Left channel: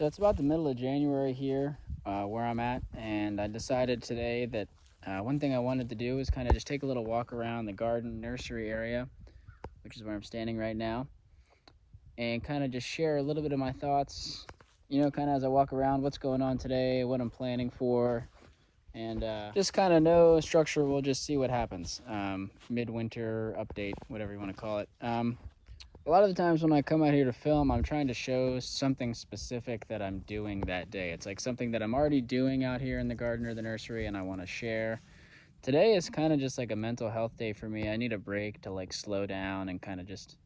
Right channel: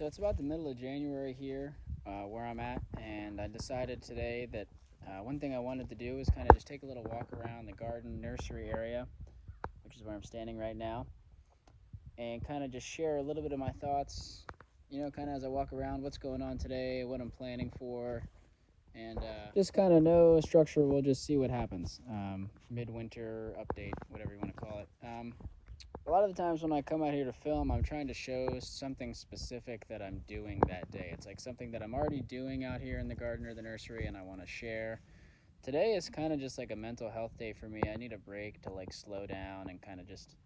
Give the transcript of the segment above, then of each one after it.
So it's about the middle of January here where I'm at, and I decided today that one thing I wanted to do is kind of just take a little walk around the garden nursery area, which is where I'm standing right now, and kind of just share a little bit of my thoughts, kind of as I walk around, what's going on today, what I'm planning for, and just kind of no structure. We'll just see what happens. Midwinter update, whatever you want to call it. A lot of the times when I come out here to film, I'm trying to show something specific that I'm doing that day. It's like something that I'm already doing out here in the garden or the nursery and I want to share. Today is kind of just like a mental health day for me. I need a break to like slow down and kind of just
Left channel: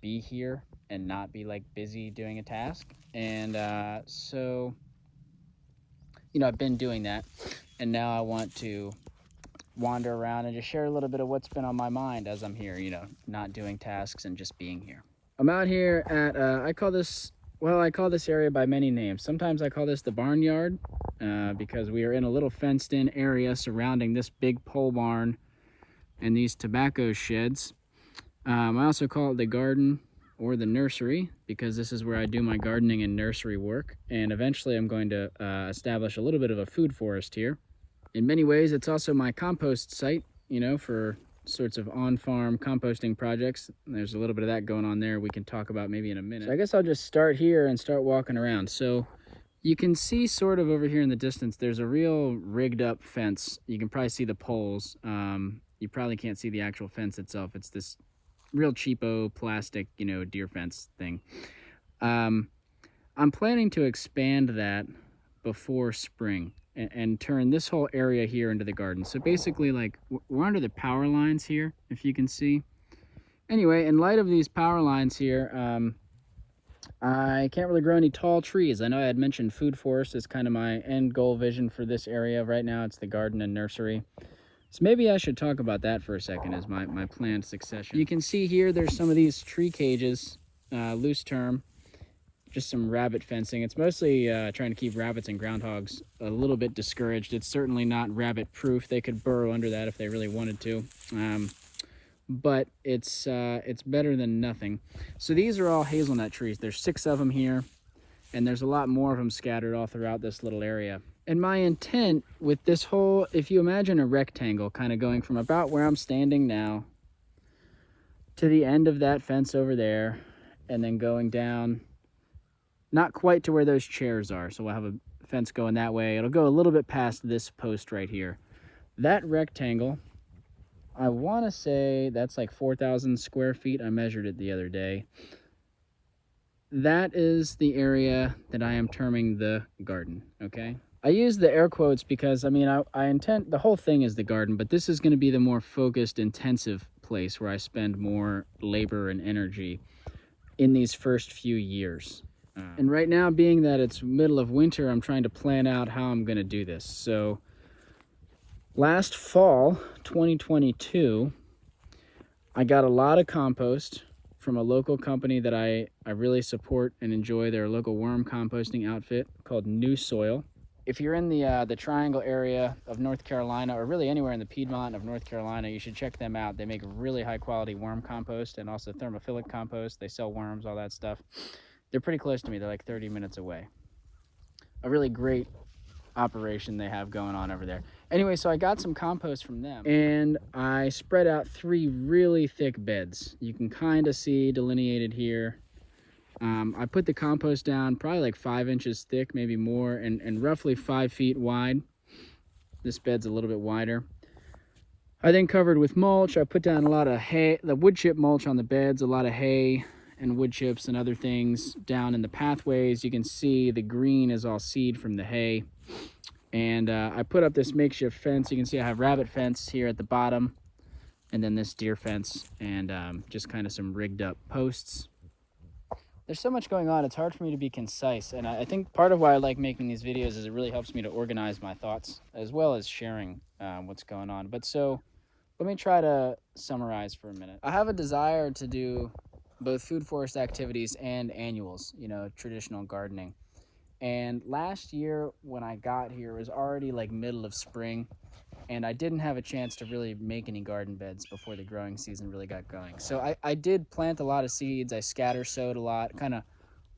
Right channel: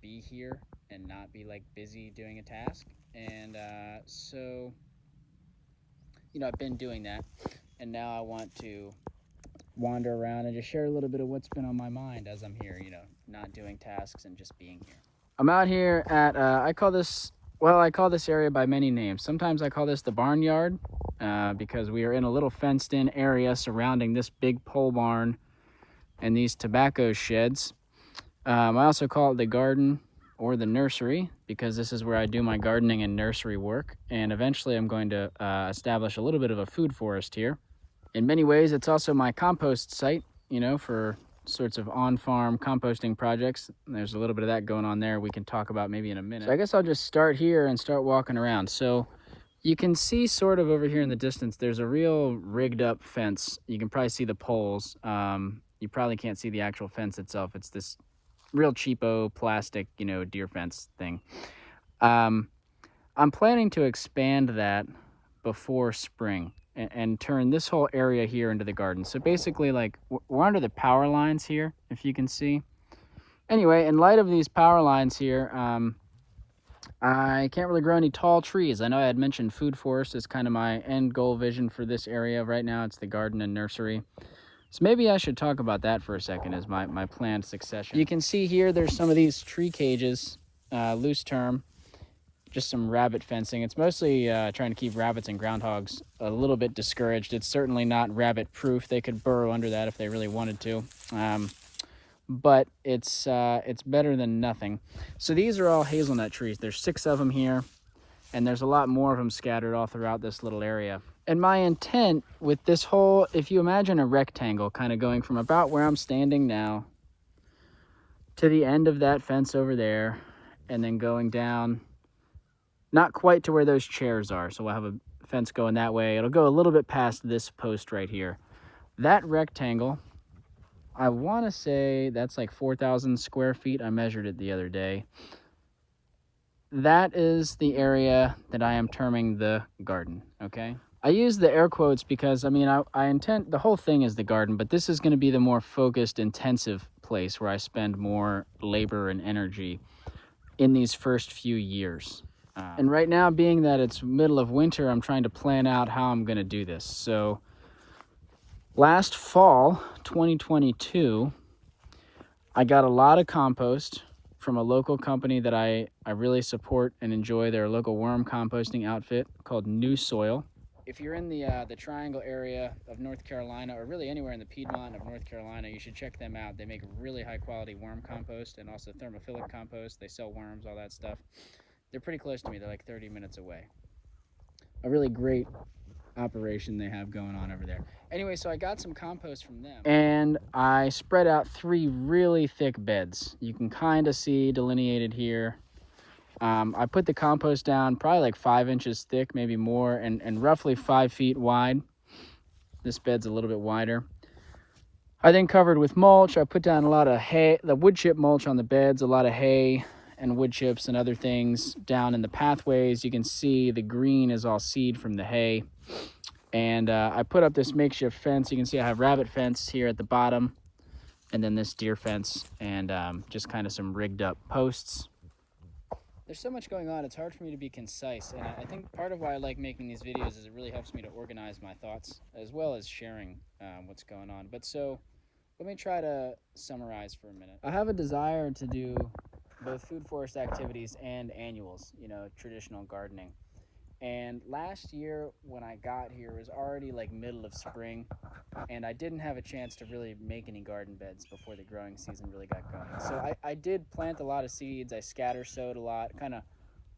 be here and not be like busy doing a task. And so, I've been doing that, and now I want to wander around and just share a little bit of what's been on my mind as I'm here, not doing tasks and just being here. I'm out here at, I call this area by many names. Sometimes I call this the barnyard because we are in a little fenced in area surrounding this big pole barn and these tobacco sheds. I also call it the garden or the nursery because this is where I do my gardening and nursery work. And eventually I'm going to establish a little bit of a food forest here. In many ways, it's also my compost site, for sorts of on-farm composting projects. There's a little bit of that going on there we can talk about maybe in a minute. So I guess I'll just start here and start walking around. So you can see sort of over here in the distance, there's a real rigged up fence. You can probably see the poles. You probably can't see the actual fence itself. It's this real cheapo plastic, deer fence thing. I'm planning to expand that before spring and turn this whole area here into the garden. So basically, like, we're under the power lines here, if you can see. Anyway, in light of these power lines here, I can't really grow any tall trees. I know I had mentioned food forest is kind of my end goal vision for this area. Right now, it's the garden and nursery. So maybe I should talk about that for a second as my planned succession. You can see here, there's some of these tree cages, loose term. Just some rabbit fencing. It's mostly trying to keep rabbits and groundhogs a little bit discouraged. It's certainly not rabbit proof. They could burrow under that if they really wanted to. But it's better than nothing. So these are all hazelnut trees. There's 6 of them here, and there's a lot more of them scattered all throughout this little area. And my intent with this whole, if you imagine a rectangle kind of going from about where I'm standing now to the end of that fence over there, and then going down not quite to where those chairs are. So we'll have a fence going that way. It'll go a little bit past this post right here. That rectangle, I want to say that's like 4,000 square feet. I measured it the other day. That is the area that I am terming the garden, okay? I use the air quotes because, I intend, the whole thing is the garden, but this is going to be the more focused, intensive place where I spend more labor and energy in these first few years. And right now, being that it's middle of winter, I'm trying to plan out how I'm going to do this. So last fall, 2022, I got a lot of compost from a local company that I really support and enjoy. They're a local worm composting outfit called New Soil. If you're in the Triangle area of North Carolina, or really anywhere in the Piedmont of North Carolina, you should check them out. They make really high quality worm compost and also thermophilic compost. They sell worms, all that stuff. They're pretty close to me. They're like 30 minutes away. A really great operation they have going on over there. Anyway, so I got some compost from them, and I spread out 3 really thick beds. You can kind of see delineated here. I put the compost down probably like 5 inches thick, maybe more, and roughly 5 feet wide. This bed's a little bit wider. I then covered with mulch. I put down a lot of hay, the wood chip mulch on the beds, a lot of hay and wood chips and other things down in the pathways. You can see the green is all seed from the hay. And I put up this makeshift fence. You can see I have rabbit fence here at the bottom, and then this deer fence, and just kind of some rigged up posts. There's so much going on, it's hard for me to be concise. And I think part of why I like making these videos is it really helps me to organize my thoughts as well as sharing what's going on. But so let me try to summarize for a minute. I have a desire to do both food forest activities and annuals, traditional gardening. And last year when I got here, it was already like middle of spring, and I didn't have a chance to really make any garden beds before the growing season really got going. So I did plant a lot of seeds. I scatter sowed a lot, kind of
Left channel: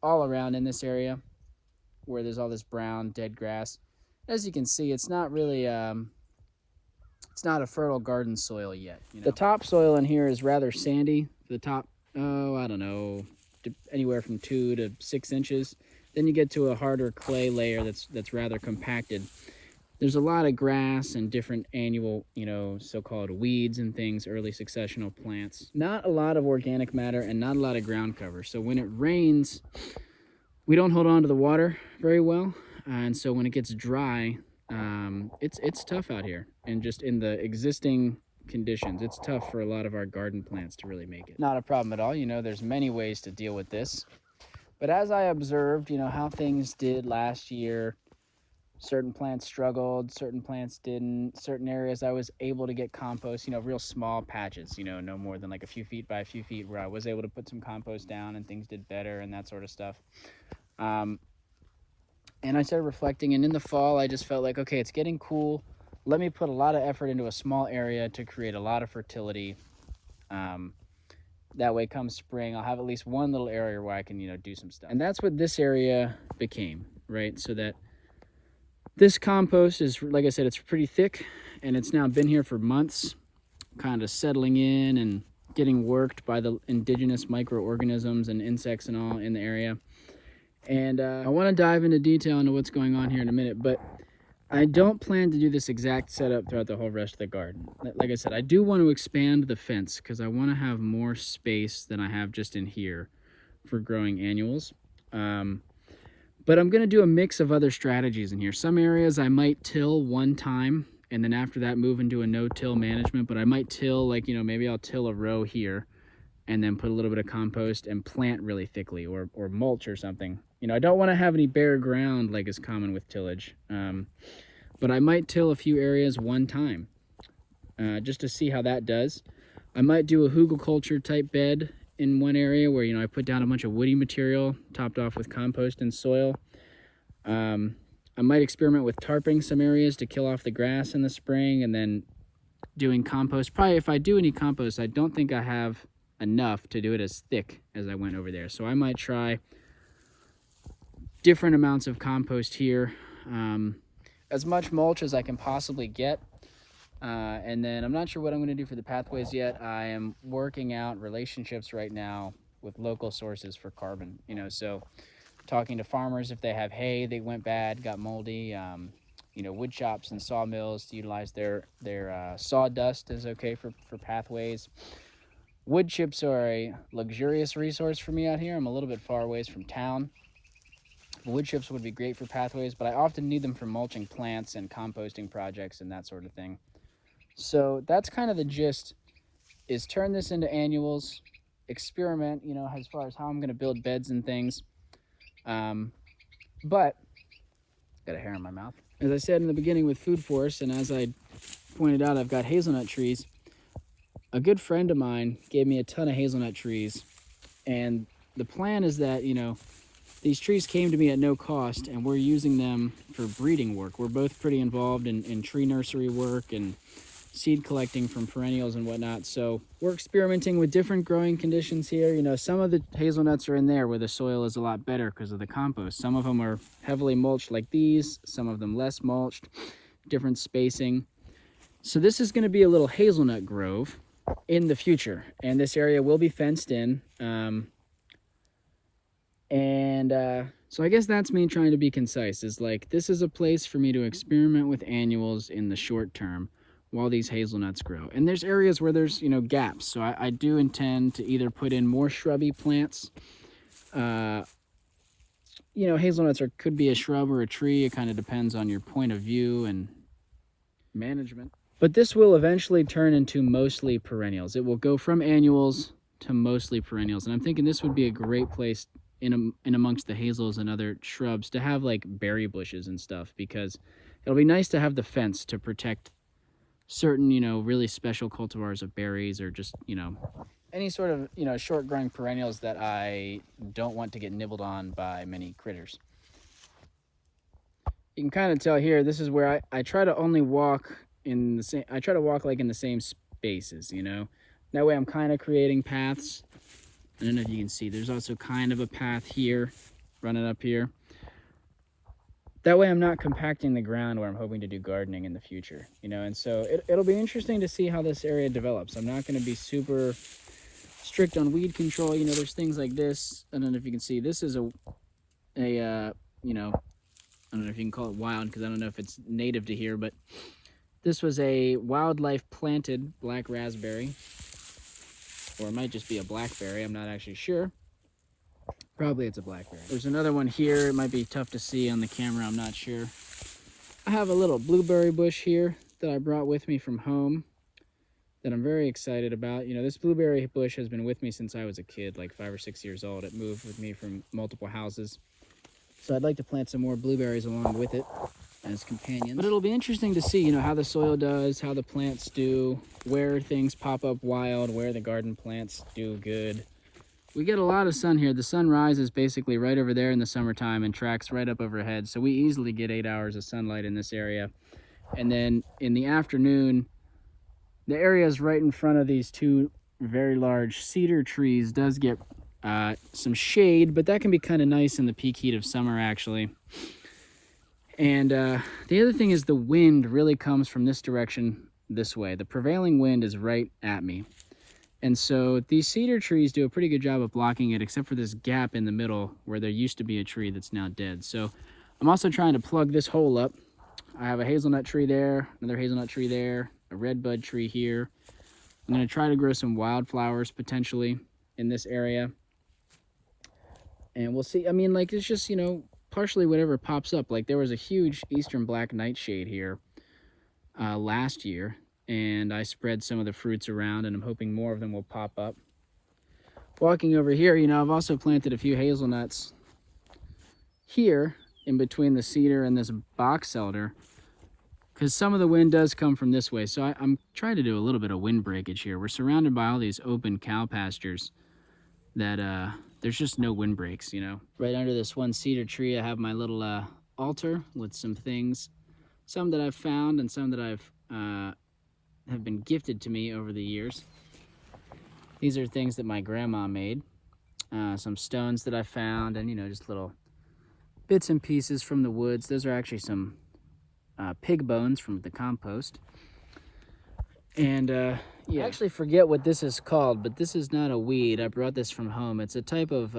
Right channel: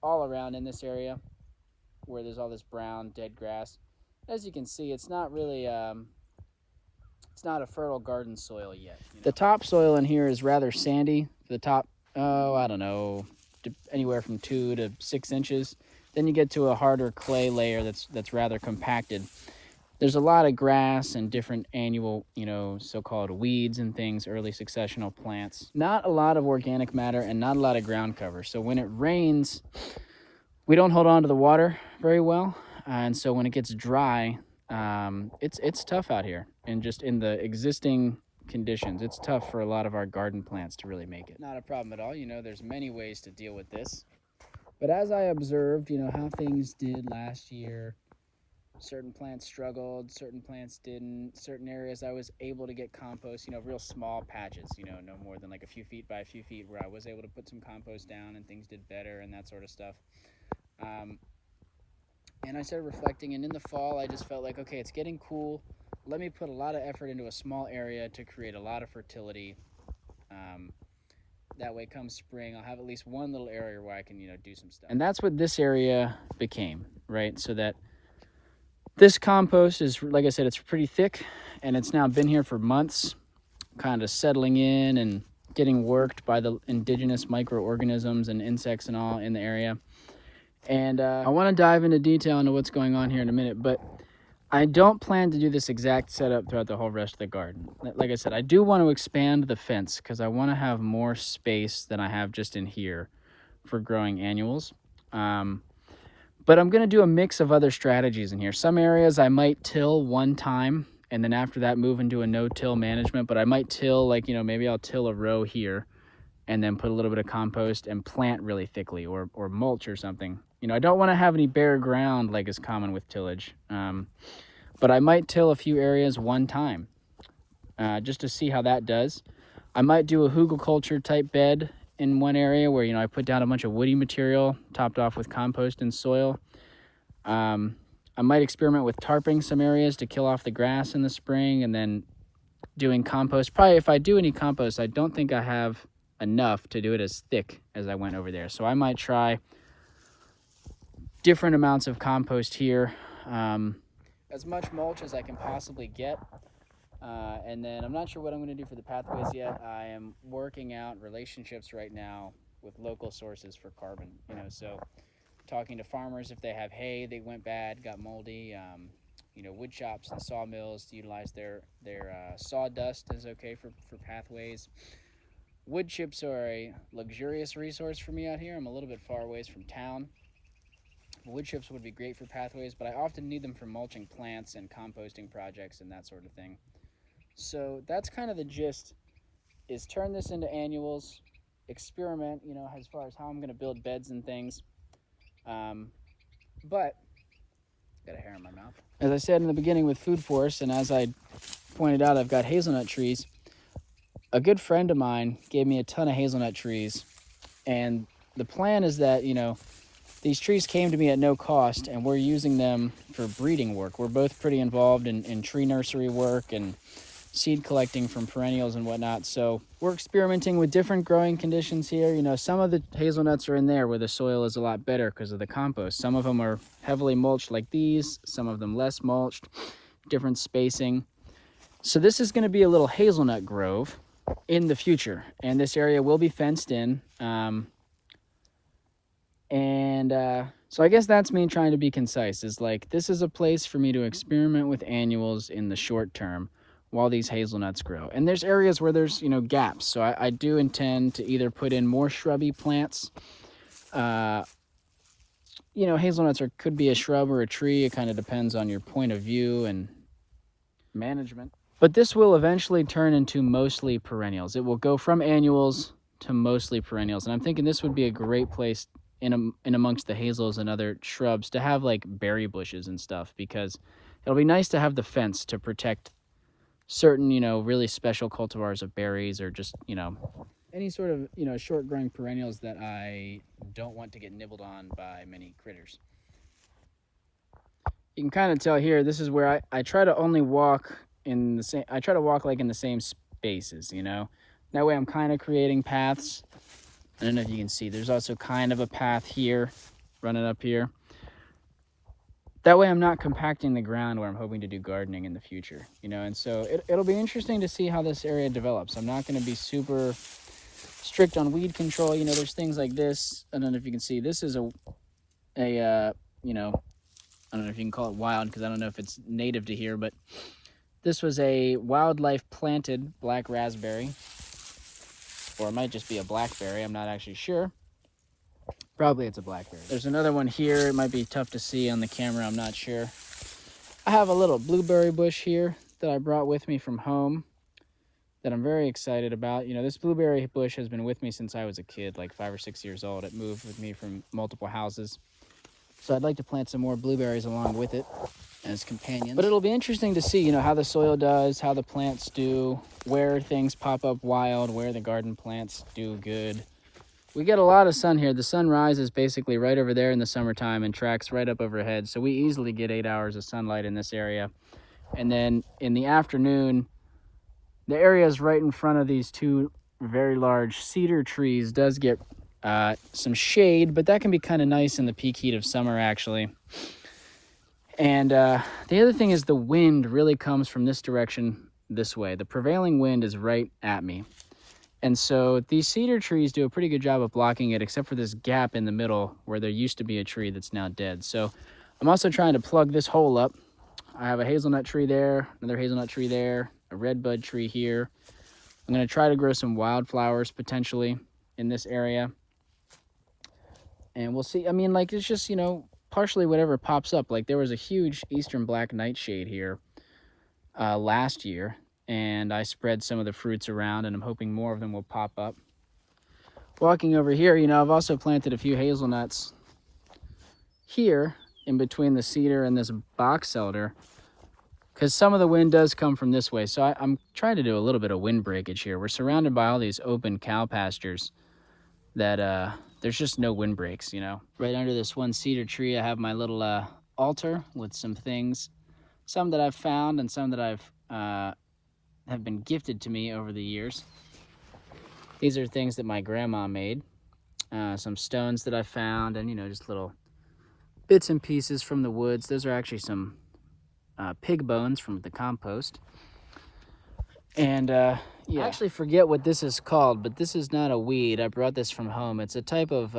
all around in this area where there's all this brown dead grass. As you can see, it's not really it's not a fertile garden soil yet. The topsoil in here is rather sandy. For the top, oh, I don't know, anywhere from 2 to 6 inches. Then you get to a harder clay layer that's rather compacted. There's a lot of grass and different annual, so-called weeds and things, early successional plants. Not a lot of organic matter and not a lot of ground cover. So when it rains, we don't hold on to the water very well. And so when it gets dry, it's tough out here. And just in the existing conditions, it's tough for a lot of our garden plants to really make it. Not a problem at all. There's many ways to deal with this. But as I observed, how things did last year, certain plants struggled, certain plants didn't. Certain areas I was able to get compost, real small patches, no more than like a few feet by a few feet, where I was able to put some compost down and things did better and that sort of stuff. And I started reflecting, and in the fall, I just felt like, okay, it's getting cool. Let me put a lot of effort into a small area to create a lot of fertility. That way, come spring, I'll have at least one little area where I can, do some stuff. And that's what this area became, right? So that this compost is, like I said, it's pretty thick, and it's now been here for months, kind of settling in and getting worked by the indigenous microorganisms and insects and all in the area. And I want to dive into detail into what's going on here in a minute, but I don't plan to do this exact setup throughout the whole rest of the garden. Like I said, I do want to expand the fence because I want to have more space than I have just in here for growing annuals. But I'm going to do a mix of other strategies in here. Some areas I might till one time, and then after that move into a no-till management, but I might till, maybe I'll till a row here and then put a little bit of compost and plant really thickly, or mulch or something. I don't want to have any bare ground like is common with tillage. But I might till a few areas one time just to see how that does. I might do a hugelkultur type bed in one area where, I put down a bunch of woody material topped off with compost and soil. I might experiment with tarping some areas to kill off the grass in the spring, and then doing compost. Probably if I do any compost, I don't think I have enough to do it as thick as I went over there. So I might try different amounts of compost here, as much mulch as I can possibly get. And then I'm not sure what I'm going to do for the pathways yet. I am working out relationships right now with local sources for carbon, so talking to farmers if they have hay that went bad, got moldy, wood shops and sawmills to utilize their sawdust is okay for pathways. Wood chips are a luxurious resource for me out here. I'm a little bit far away from town. Wood chips would be great for pathways, but I often need them for mulching plants and composting projects and that sort of thing. So that's kind of the gist, is turn this into annuals, experiment, as far as how I'm going to build beds and things. But, got a hair in my mouth. As I said in the beginning with food forests, and as I pointed out, I've got hazelnut trees. A good friend of mine gave me a ton of hazelnut trees, and the plan is that, these trees came to me at no cost, and we're using them for breeding work. We're both pretty involved in tree nursery work and seed collecting from perennials and whatnot. So we're experimenting with different growing conditions here. Some of the hazelnuts are in there where the soil is a lot better because of the compost. Some of them are heavily mulched like these, some of them less mulched, different spacing. So this is going to be a little hazelnut grove in the future, and this area will be fenced in. So I guess that's me trying to be concise, is like, this is a place for me to experiment with annuals in the short term while these hazelnuts grow. And there's areas where there's, gaps. So I do intend to either put in more shrubby plants. Hazelnuts could be a shrub or a tree. It kind of depends on your point of view and management. But this will eventually turn into mostly perennials. It will go from annuals to mostly perennials. And I'm thinking this would be a great place in amongst the hazels and other shrubs to have like berry bushes and stuff, because it'll be nice to have the fence to protect certain, really special cultivars of berries, or just, any sort of, short growing perennials that I don't want to get nibbled on by many critters. You can kind of tell here, this is where I try to only walk in the same, I try to walk like in the same spaces, that way I'm kind of creating paths. I don't know if you can see, there's also kind of a path here running up here. That way I'm not compacting the ground where I'm hoping to do gardening in the future, you know, and so it'll be interesting to see how this area develops. I'm not going to be super strict on weed control. You know, there's things like this. I don't know if you can see, this is you know, I don't know if you can call it wild because I don't know if it's native to here, but this was a wildlife planted black raspberry, or it might just be a blackberry. I'm not actually sure. Probably it's a blackberry. There's another one here. It might be tough to see on the camera. I'm not sure. I have a little blueberry bush here that I brought with me from home that I'm very excited about. You know, this blueberry bush has been with me since I was a kid, like 5 or 6 years old. It moved with me from multiple houses. So I'd like to plant some more blueberries along with it as companions. But it'll be interesting to see, you know, how the soil does, how the plants do, where things pop up wild, where the garden plants do good. We get a lot of sun here. The sun rises basically right over there in the summertime and tracks right up overhead. So we easily get 8 hours of sunlight in this area. And then in the afternoon, the area is right in front of these two very large cedar trees. Does get some shade, but that can be kind of nice in the peak heat of summer, actually. And the other thing is the wind really comes from this direction, this way. The prevailing wind is right at me. And so these cedar trees do a pretty good job of blocking it, except for this gap in the middle where there used to be a tree that's now dead. So I'm also trying to plug this hole up. I have a hazelnut tree there, another hazelnut tree there, a redbud tree here. I'm going to try to grow some wildflowers potentially in this area. And we'll see. I mean, like, it's just, you know, partially whatever pops up. Like, there was a huge eastern black nightshade here last year, and I spread some of the fruits around, and I'm hoping more of them will pop up. Walking over here, you know, I've also planted a few hazelnuts here in between the cedar and this box elder, because some of the wind does come from this way. So I'm trying to do a little bit of wind breakage here. We're surrounded by all these open cow pastures that there's just no wind breaks, you know. Right under this one cedar tree, I have my little altar with some things, some that I've found and some that have been gifted to me over the years. These are things that my grandma made, some stones that I found, and, you know, just little bits and pieces from the woods. Those are actually some pig bones from the compost. And yeah, I actually forget what this is called, but this is not a weed. I brought this from home. It's a type of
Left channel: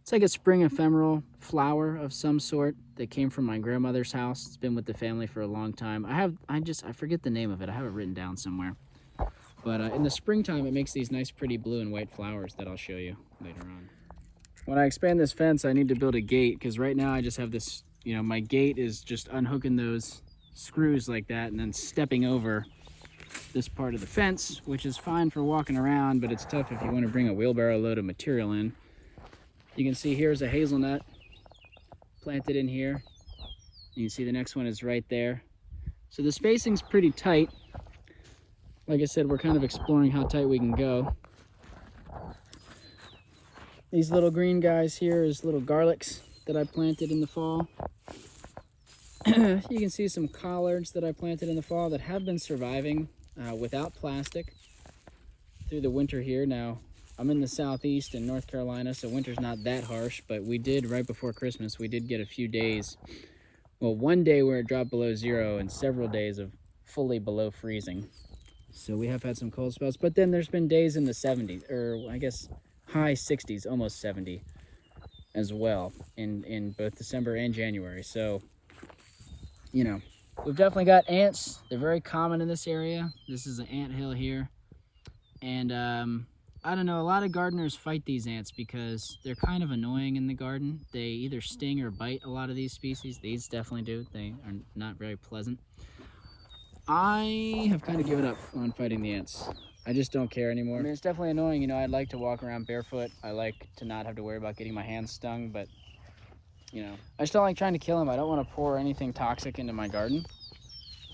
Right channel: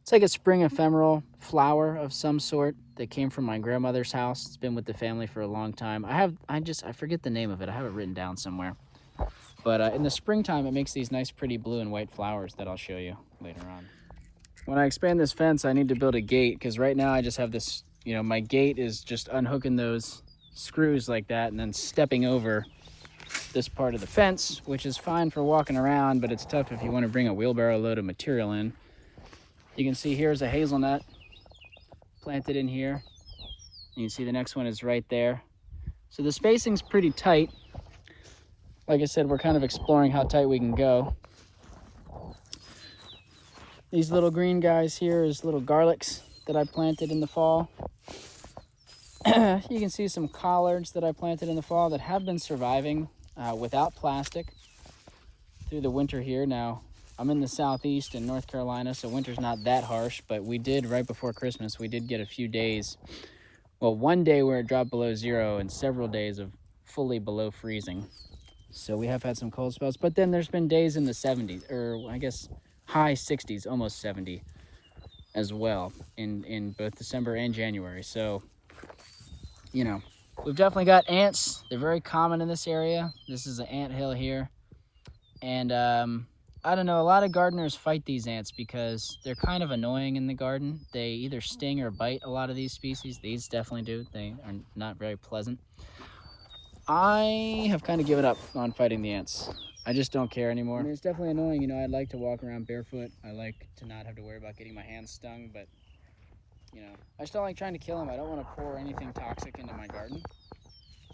it's like a spring ephemeral flower of some sort that came from my grandmother's house. It's been with the family for a long time. I forget the name of it. I have it written down somewhere. But in the springtime, it makes these nice, pretty blue and white flowers that I'll show you later on. When I expand this fence, I need to build a gate, because right now I just have this, you know, my gate is just unhooking those screws like that and then stepping over this part of the fence, which is fine for walking around, but it's tough if you want to bring a wheelbarrow load of material in. You can see here's a hazelnut planted in here. You can see the next one is right there. So the spacing's pretty tight. Like I said, we're kind of exploring how tight we can go. These little green guys here is little garlics that I planted in the fall. You can see some collards that I planted in the fall that have been surviving without plastic through the winter here. Now, I'm in the southeast in North Carolina, so winter's not that harsh, but we did, right before Christmas, we did get a few days, well, one day where it dropped below zero and several days of fully below freezing. So we have had some cold spells, but then there's been days in the 70s, or I guess high 60s, almost 70 as well in both December and January. So, you know, we've definitely got ants. They're very common in this area. This is an ant hill here. And I don't know, a lot of gardeners fight these ants because they're kind of annoying in the garden. They either sting or bite a lot of these species. These definitely do. They are not very pleasant. I have kind of given up on fighting the ants. I just don't care anymore. I mean, it's definitely annoying. You know, I'd like to walk around barefoot. I like to not have to worry about getting my hands stung, but, you know, I just don't like trying to kill them. I don't want to pour anything toxic into my garden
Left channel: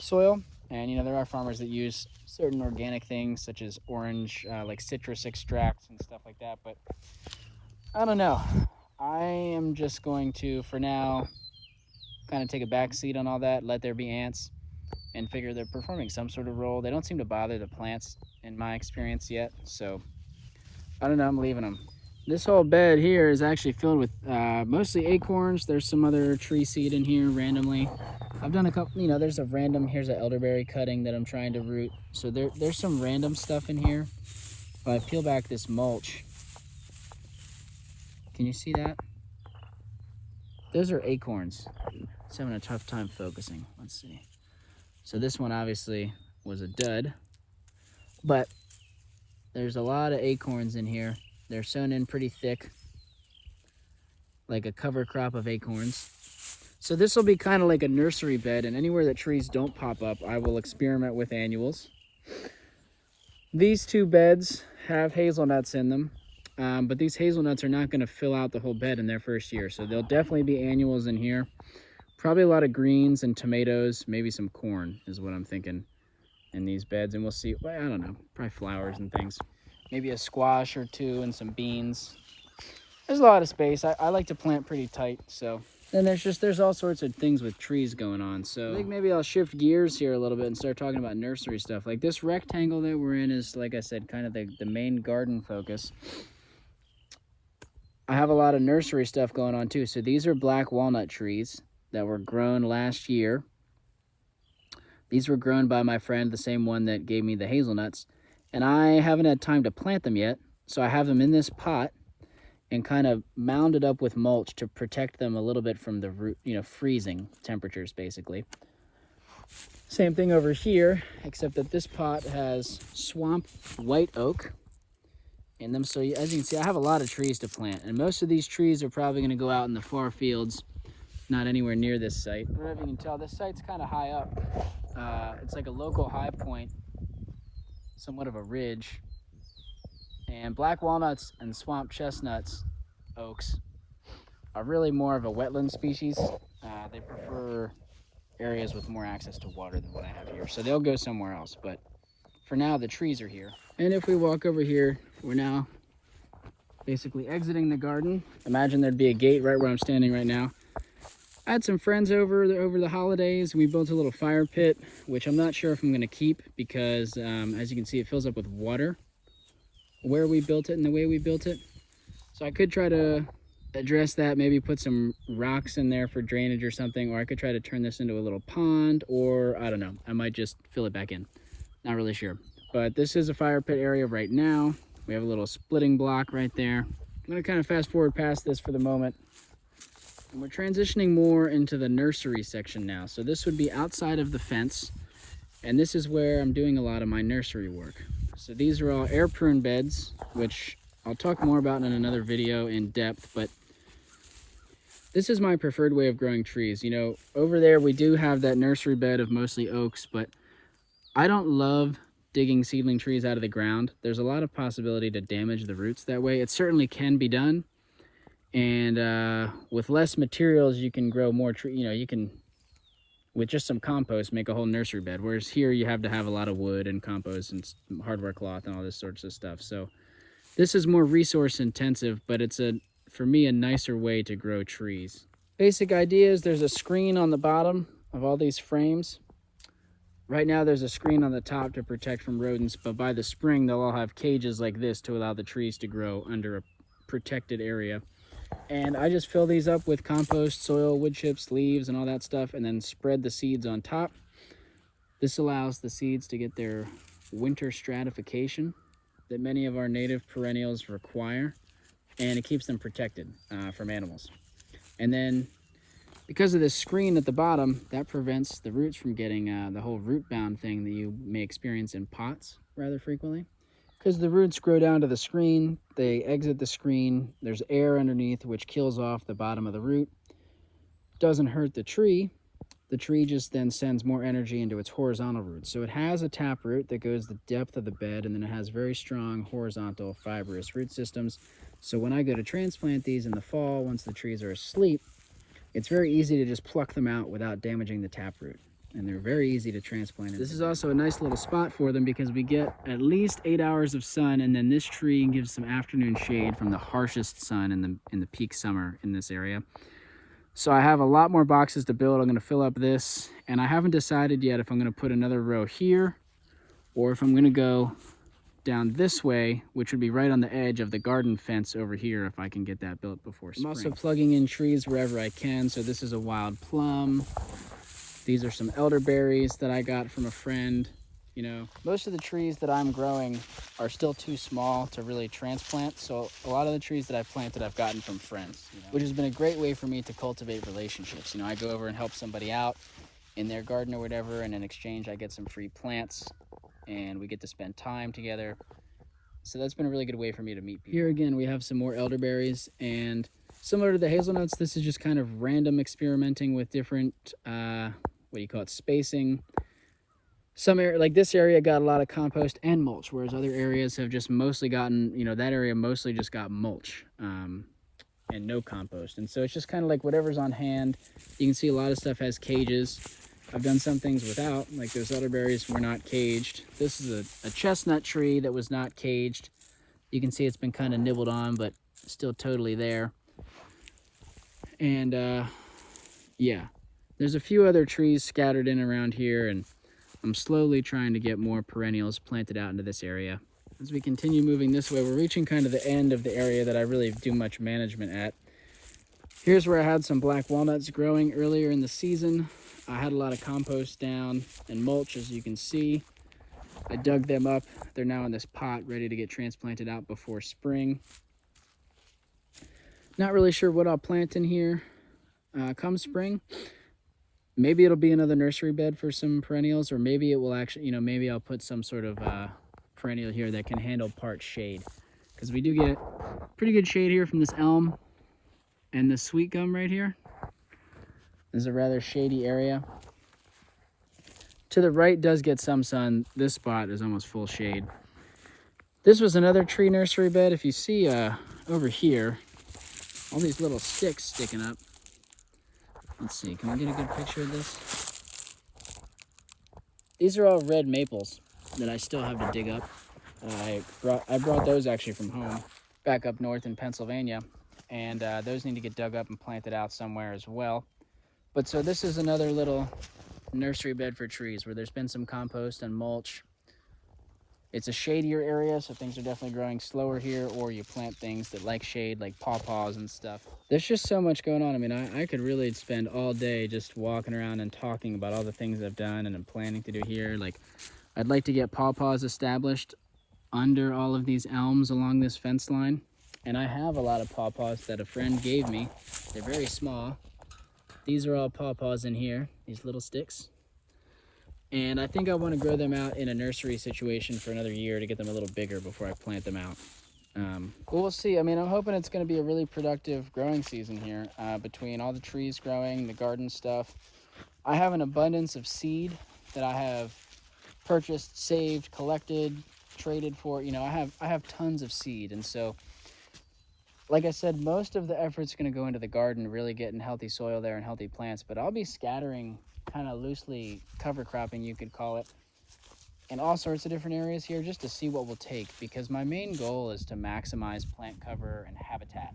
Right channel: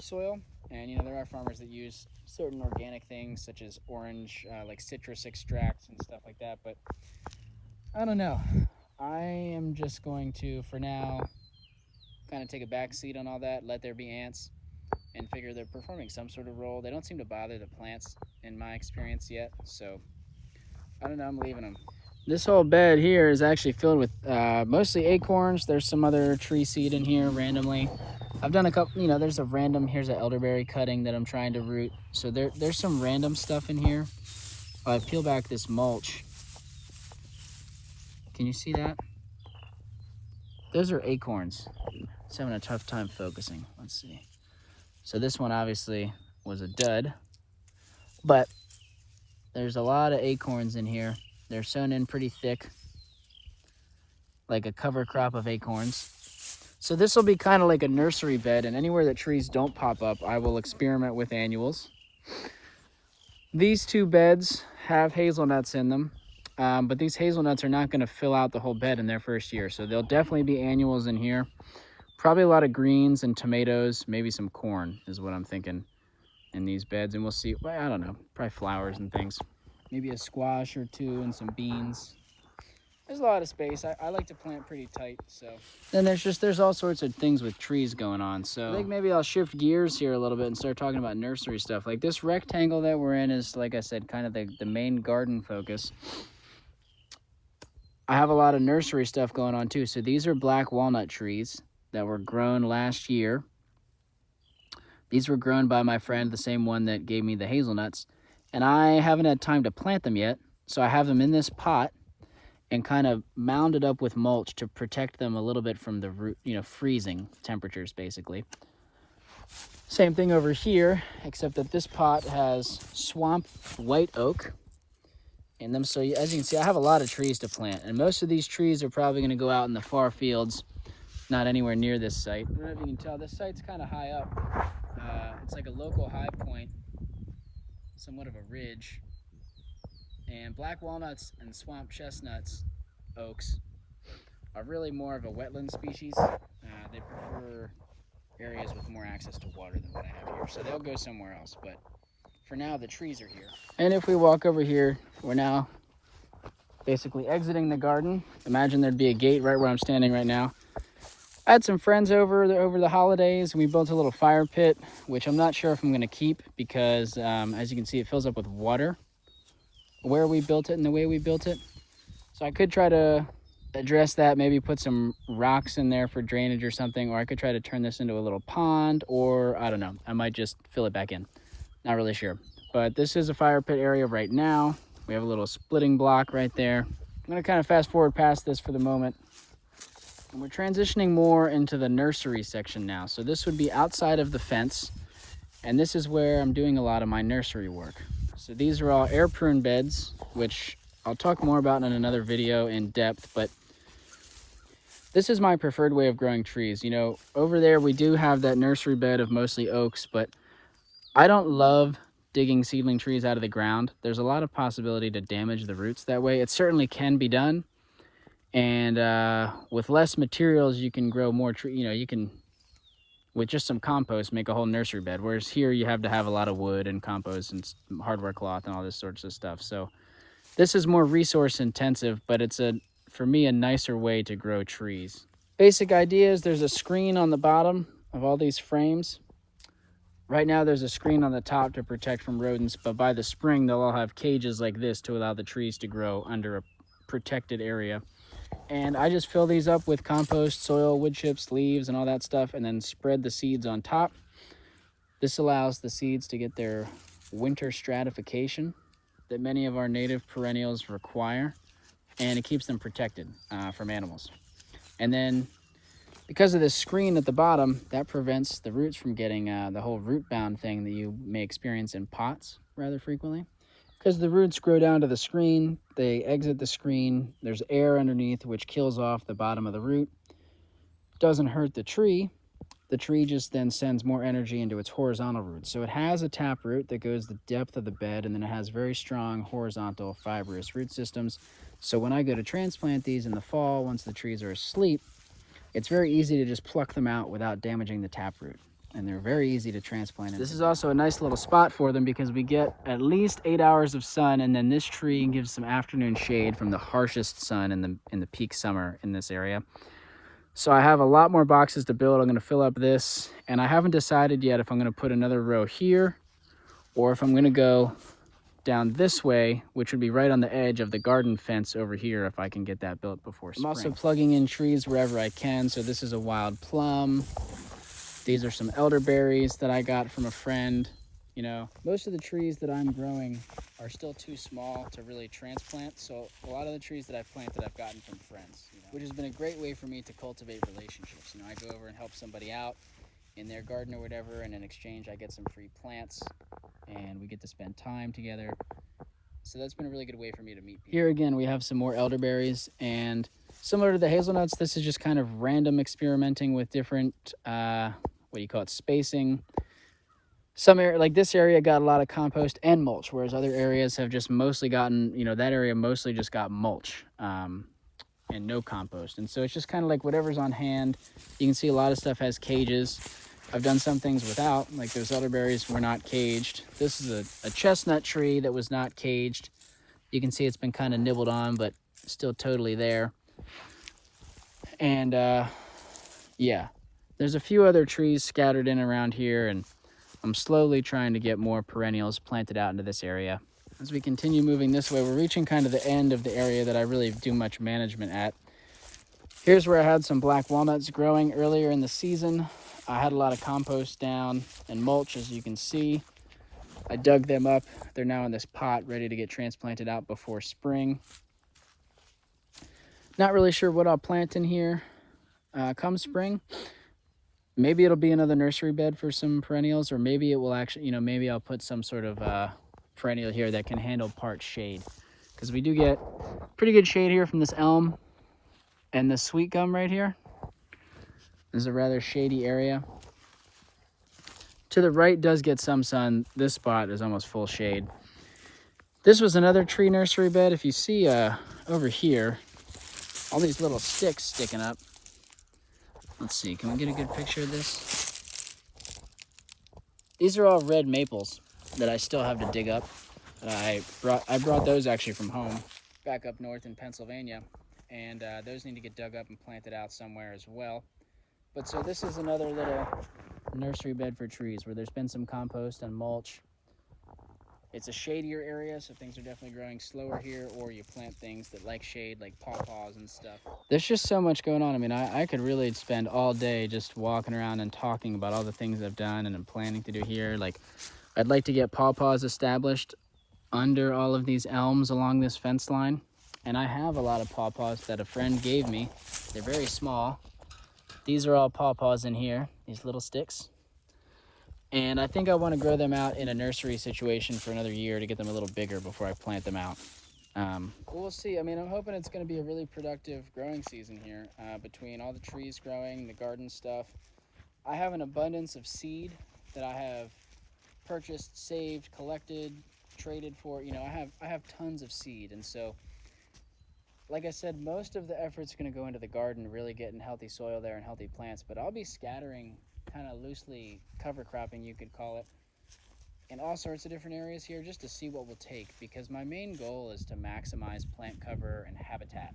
soil. And, you know, there are farmers that use certain organic things such as orange, like citrus extracts and stuff like that. But I don't know. I am just going to, for now, kind of take a back seat on all that, let there be ants, and figure they're performing some sort of role. They don't seem to bother the plants in my experience yet, so I don't know, I'm leaving them. This whole bed here is actually filled with mostly acorns. There's some other tree seed in here randomly. I've done a couple, you know, there's a random, here's an elderberry cutting that I'm trying to root. So there's some random stuff in here. If I peel back this mulch, can you see that? Those are acorns. It's having a tough time focusing. Let's see. So this one obviously was a dud, but there's a lot of acorns in here. They're sown in pretty thick, like a cover crop of acorns. So this will be kind of like a nursery bed, and anywhere that trees don't pop up, I will experiment with annuals. These two beds have hazelnuts in them, but these hazelnuts are not going to fill out the whole bed in their first year. So there'll definitely be annuals in here. Probably a lot of greens and tomatoes, maybe some corn is what I'm thinking in these beds. And we'll see, well, I don't know, probably flowers and things. Maybe a squash or two and some beans. There's a lot of space. I like to plant pretty tight, so. Then there's all sorts of things with trees going on. So I think maybe I'll shift gears here a little bit and start talking about nursery stuff. Like this rectangle that we're in is, like I said, kind of the main garden focus. I have a lot of nursery stuff going on too. So these are black walnut trees that were grown last year. These were grown by my friend, the same one that gave me the hazelnuts. And I haven't had time to plant them yet. So I have them in this pot and kind of mounded up with mulch to protect them a little bit from the root, you know, freezing temperatures basically. Same thing over here, except that this pot has swamp white oak in them. So as you can see, I have a lot of trees to plant, and most of these trees are probably going to go out in the far fields, not anywhere near this site. I don't know if you can tell, this site's kind of high up. It's like a local high point, somewhat of a ridge. And black walnuts and swamp chestnuts, oaks, are really more of a wetland species. They prefer areas with more access to water than what I have here. So they'll go somewhere else, but for now the trees are here. And if we walk over here, we're now basically exiting the garden. Imagine there'd be a gate right where I'm standing right now. I had some friends over the holidays, and we built a little fire pit, which I'm not sure if I'm going to keep because, as you can see, it fills up with water where we built it and the way we built it. So I could try to address that, maybe put some rocks in there for drainage or something, or I could try to turn this into a little pond, or I don't know, I might just fill it back in. Not really sure. But this is a fire pit area right now. We have a little splitting block right there. I'm going to kind of fast forward past this for the moment. And we're transitioning more into the nursery section now. So this would be outside of the fence, and this is where I'm doing a lot of my nursery work. So these are all air prune beds, which I'll talk more about in another video in depth, but this is my preferred way of growing trees. You know, over there we do have that nursery bed of mostly oaks, but I don't love digging seedling trees out of the ground. There's a lot of possibility to damage the roots that way. It certainly can be done. And with less materials, you can grow more trees. You know, you can, with just some compost, make a whole nursery bed. Whereas here, you have to have a lot of wood and compost and hardware cloth and all this sorts of stuff. So this is more resource intensive, but it's for me, a nicer way to grow trees. Basic idea is there's a screen on the bottom of all these frames. Right now, there's a screen on the top to protect from rodents, but by the spring, they'll all have cages like this to allow the trees to grow under a protected area. And I just fill these up with compost, soil, wood chips, leaves, and all that stuff, and then spread the seeds on top. This allows the seeds to get their winter stratification that many of our native perennials require, and it keeps them protected from animals. And then, because of this screen at the bottom, that prevents the roots from getting the whole root bound thing that you may experience in pots rather frequently. Because the roots grow down to the screen, they exit the screen, there's air underneath which kills off the bottom of the root. Doesn't hurt the tree just then sends more energy into its horizontal roots. So it has a tap root that goes the depth of the bed, and then it has very strong horizontal fibrous root systems. So when I go to transplant these in the fall, once the trees are asleep, it's very easy to just pluck them out without damaging the taproot. And they're very easy to transplant. This is also a nice little spot for them because we get at least 8 hours of sun, and then this tree gives some afternoon shade from the harshest sun in the peak summer in this area. So I have a lot more boxes to build. I'm going to fill up this, and I haven't decided yet if I'm going to put another row here or if I'm going to go down this way, which would be right on the edge of the garden fence over here if I can get that built before spring. I'm also plugging in trees wherever I can. So this is a wild plum. These are some elderberries that I got from a friend. You know, most of the trees that I'm growing are still too small to really transplant. So a lot of the trees that I've planted, I've gotten from friends, which has been a great way for me to cultivate relationships. I go over and help somebody out in their garden or whatever, and in exchange, I get some free plants and we get to spend time together. So that's been a really good way for me to meet people. Here again, we have some more elderberries, and similar to the hazelnuts, this is just kind of random experimenting with different, spacing. Some area, like this area, got a lot of compost and mulch, whereas other areas have just mostly gotten, that area mostly just got mulch and no compost. And so it's just kind of like whatever's on hand. You can see a lot of stuff has cages. I've done some things without, like those elderberries were not caged. This is a chestnut tree that was not caged. You can see it's been kind of nibbled on, but still totally there. And yeah, there's a few other trees scattered in around here, and I'm slowly trying to get more perennials planted out into this area. As we continue moving this way, we're reaching kind of the end of the area that I really do much management at. Here's where I had some black walnuts growing earlier in the season. I had a lot of compost down and mulch, as you can see. I dug them up. They're now in this pot ready to get transplanted out before spring. Not really sure what I'll plant in here come spring. Maybe it'll be another nursery bed for some perennials, or maybe it will actually, maybe I'll put some sort of perennial here that can handle part shade. Because we do get pretty good shade here from this elm and this sweet gum right here. This is a rather shady area. To the right does get some sun. This spot is almost full shade. This was another tree nursery bed. If you see over here, all these little sticks sticking up. Let's see, can we get a good picture of this? These are all red maples that I still have to dig up. I brought those actually from home, back up north in Pennsylvania. And those need to get dug up and planted out somewhere as well. But so this is another little nursery bed for trees where there's been some compost and mulch. It's a shadier area, so things are definitely growing slower here, or you plant things that like shade, like pawpaws and stuff. There's just so much going on. I mean, I could really spend all day just walking around and talking about all the things I've done and I'm planning to do here. Like, I'd like to get pawpaws established under all of these elms along this fence line. And I have a lot of pawpaws that a friend gave me. They're very small. These are all pawpaws in here, these little sticks. And I think I want to grow them out in a nursery situation for another year to get them a little bigger before I plant them out. We'll see. I mean, I'm hoping it's going to be a really productive growing season here between all the trees growing, the garden stuff. I have an abundance of seed that I have purchased, saved, collected, traded for. I have tons of seed, and so like I said, most of the effort's going to go into the garden, really getting healthy soil there and healthy plants, but I'll be scattering kind of loosely cover cropping, you could call it, in all sorts of different areas here just to see what we'll take, because my main goal is to maximize plant cover and habitat.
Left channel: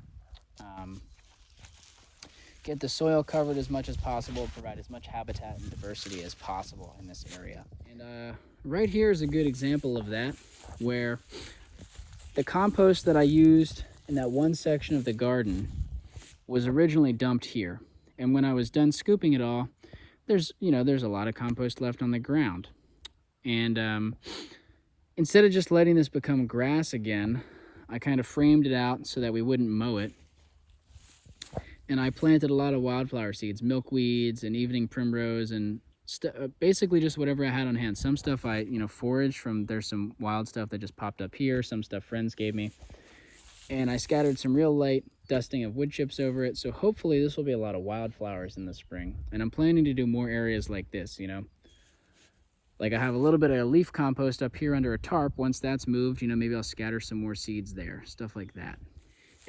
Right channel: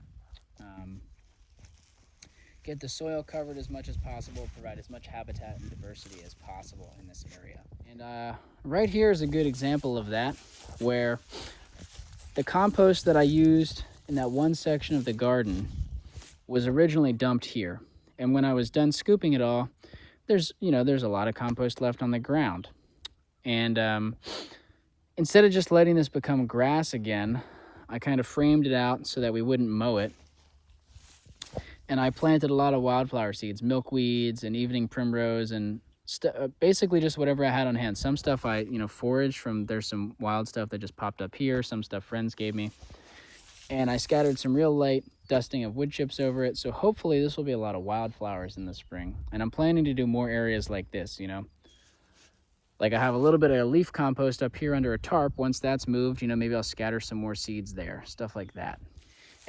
Get the soil covered as much as possible, provide as much habitat and diversity as possible in this area. And right here is a good example of that, where the compost that I used in that one section of the garden was originally dumped here. And when I was done scooping it all, there's a lot of compost left on the ground. And instead of just letting this become grass again, I kind of framed it out so that we wouldn't mow it. And I planted a lot of wildflower seeds, milkweeds and evening primrose, and basically just whatever I had on hand. Some stuff I foraged from. There's some wild stuff that just popped up here, some stuff friends gave me. And I scattered some real light dusting of wood chips over it. So hopefully this will be a lot of wildflowers in the spring. And I'm planning to do more areas like this, Like I have a little bit of leaf compost up here under a tarp. Once that's moved, maybe I'll scatter some more seeds there, stuff like that.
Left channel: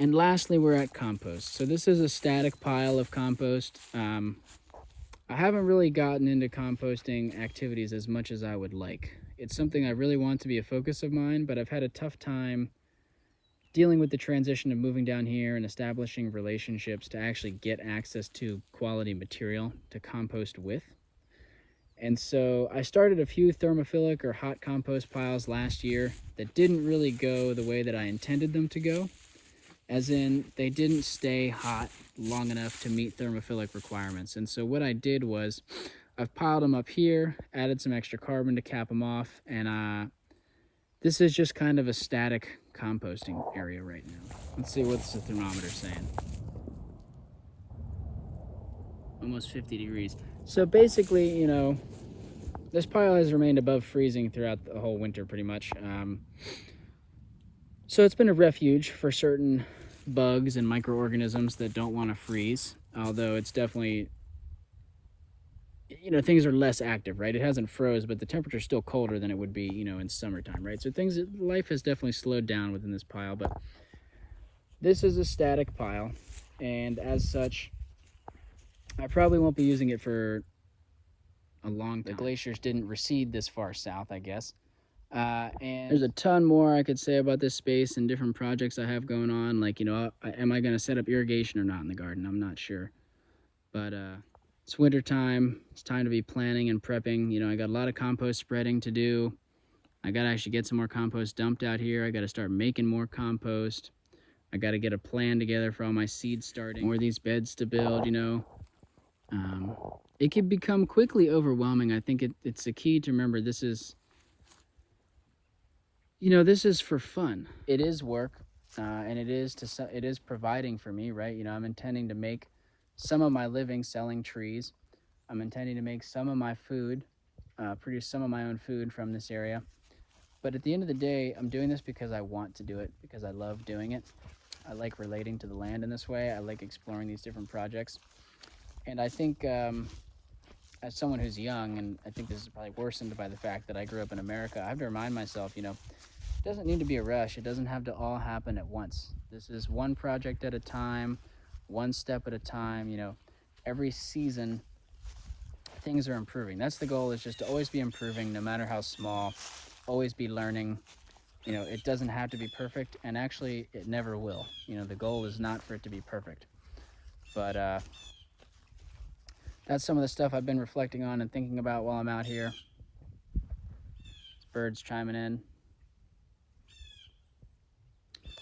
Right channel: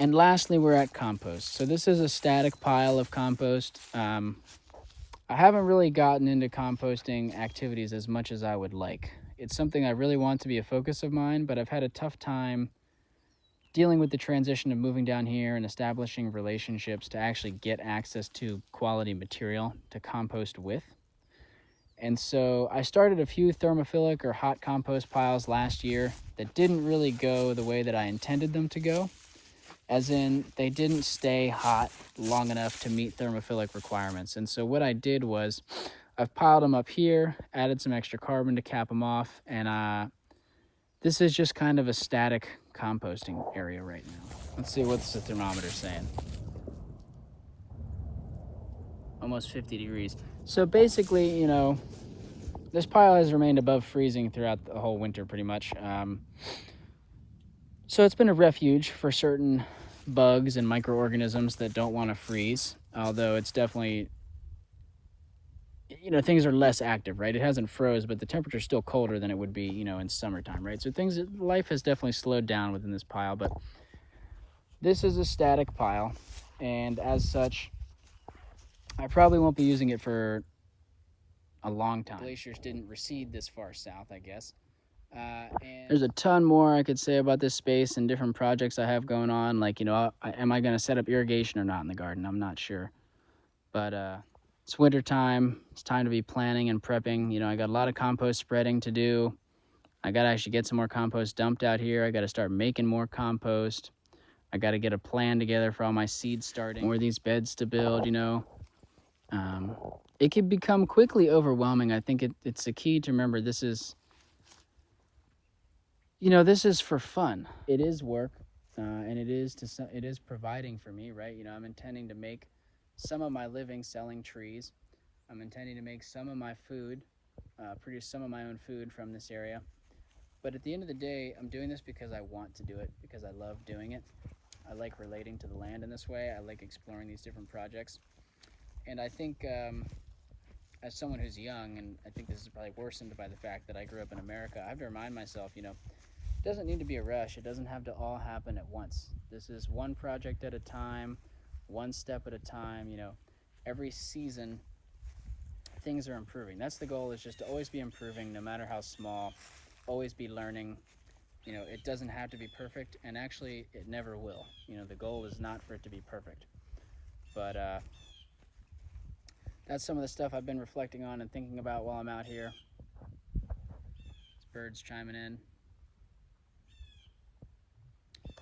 And lastly, we're at compost. So this is a static pile of compost. I haven't really gotten into composting activities as much as I would like. It's something I really want to be a focus of mine, but I've had a tough time dealing with the transition of moving down here and establishing relationships to actually get access to quality material to compost with. And so I started a few thermophilic or hot compost piles last year that didn't really go the way that I intended them to go, as in they didn't stay hot long enough to meet thermophilic requirements. And so what I did was I've piled them up here, added some extra carbon to cap them off, and this is just kind of a static composting area right now. Let's see what's the thermometer saying. Almost 50 degrees. So basically, you know, this pile has remained above freezing throughout the whole winter pretty much. So it's been a refuge for certain bugs and microorganisms that don't want to freeze, although it's definitely, you know, things are less active, right? It hasn't froze, but the temperature's still colder than it would be, you know, in summertime, right? So life has definitely slowed down within this pile, but this is a static pile, and as such, I probably won't be using it for a long time. The glaciers didn't recede this far south, I guess. And there's a ton more I could say about this space and different projects I have going on. Like, you know, am I going to set up irrigation or not in the garden? I'm not sure. But it's winter time. It's time to be planning and prepping. You know, I got a lot of compost spreading to do. I got to actually get some more compost dumped out here. I got to start making more compost. I got to get a plan together for all my seeds starting. More of these beds to build, you know. It can become quickly overwhelming. I think it's the key to remember this is, you know, this is for fun. It is work, and it is providing for me, right? You know, I'm intending to make some of my living selling trees. I'm intending to make some of my food, produce some of my own food from this area. But at the end of the day, I'm doing this because I want to do it, because I love doing it. I like relating to the land in this way. I like exploring these different projects. And I think as someone who's young, and I think this is probably worsened by the fact that I grew up in America, I have to remind myself, you know, it doesn't need to be a rush. It doesn't have to all happen at once. This is one project at a time, one step at a time. You know, every season, things are improving. That's the goal, is just to always be improving, no matter how small, always be learning. You know, it doesn't have to be perfect, and actually, it never will. You know, the goal is not for it to be perfect. But that's some of the stuff I've been reflecting on and thinking about while I'm out here. Birds chiming in.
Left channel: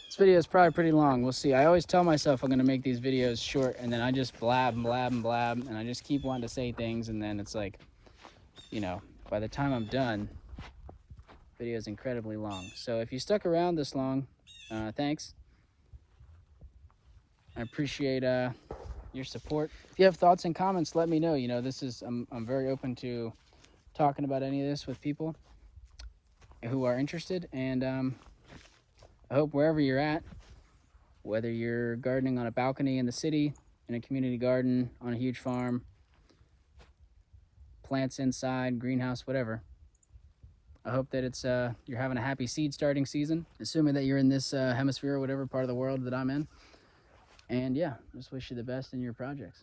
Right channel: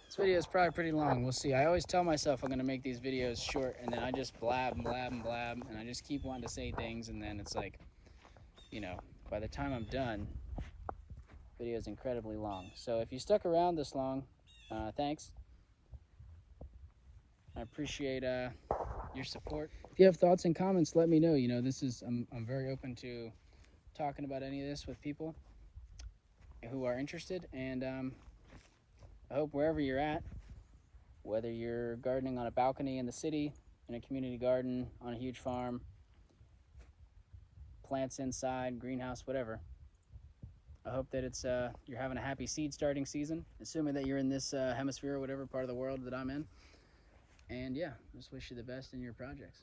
This video is probably pretty long. We'll see. I always tell myself I'm going to make these videos short, and then I just blab and blab and blab, and I just keep wanting to say things, and then it's like, you know, by the time I'm done, the video is incredibly long. So if you stuck around this long, thanks. I appreciate your support. If you have thoughts and comments, let me know. You know, I'm very open to talking about any of this with people who are interested, and I hope wherever you're at, whether you're gardening on a balcony in the city, in a community garden, on a huge farm, plants inside, greenhouse, whatever, I hope that it's you're having a happy seed starting season, assuming that you're in this hemisphere or whatever part of the world that I'm in. And yeah, just wish you the best in your projects.